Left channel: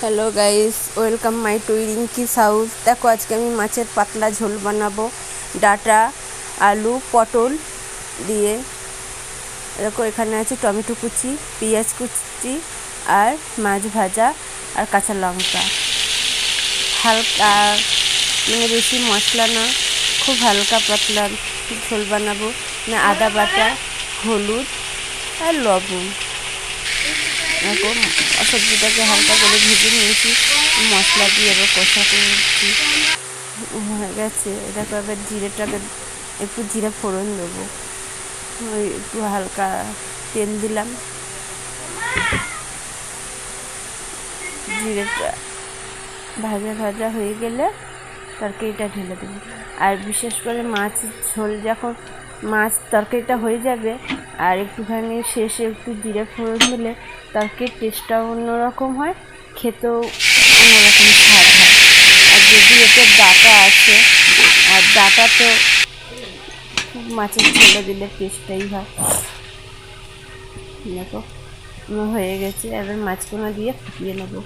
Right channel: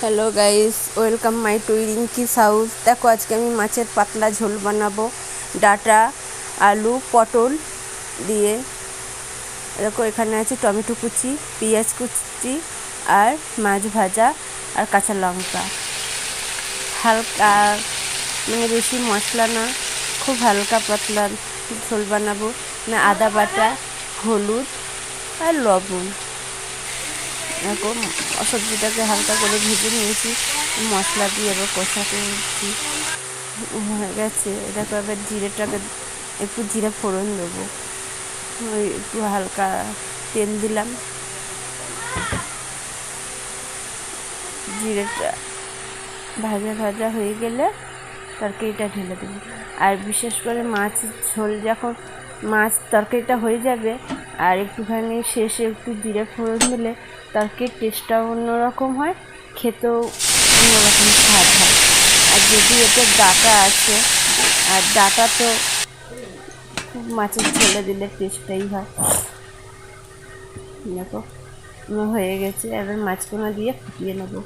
Hello guys, welcome my to Rinki's house. দেখো আজকে আমি মাছের পাতলা ঝোল বানাবো ডাঁটা, আলু, পটল দিয়ে। দেখো এখানে আছে টমেটো কুচি, পেঁয়াজ কুচি আর মাছ ভাজা আর কাঁচা লঙ্কা। হালকা মানে বেশি মশলা না, খুব হালকা পাতলা ঝোল বানাবো। না আদা বাটা, হলুদ আর লবণ। দেখো সবজিটাকে হালকা করে ভেজে নিয়েছি, মশলা দিয়ে এবার কষা করছি। হয়ে গেছে। দেখো এবার জিরেটাকে একটু জিরে ফোড়ন দেবো, ওই একটু হালকা তেল দিলাম। জিরেটা ভাজা ভাজা হয়ে গেলে তরকারিটা ঢেলে দেবো। আর বিশেষ করে মাছের ঝোল যখন মাছ তরকারিটা হয়ে যাবে আর একটুখানি শেষে একটু জিরে ফোড়ন দিলে তরকারির টেস্টটাও অন্যরকম হয়, খেতেও অন্যরকম স্বাদ হয়। আর যদি এতে ডাঁটা আছে, আর ডাঁটা তো মাছের ঝোলে দিলে টেস্টটাই হয়। দেখো হয়ে গেছে, এবার মাছগুলো দিয়ে ফুটিয়ে নেবো।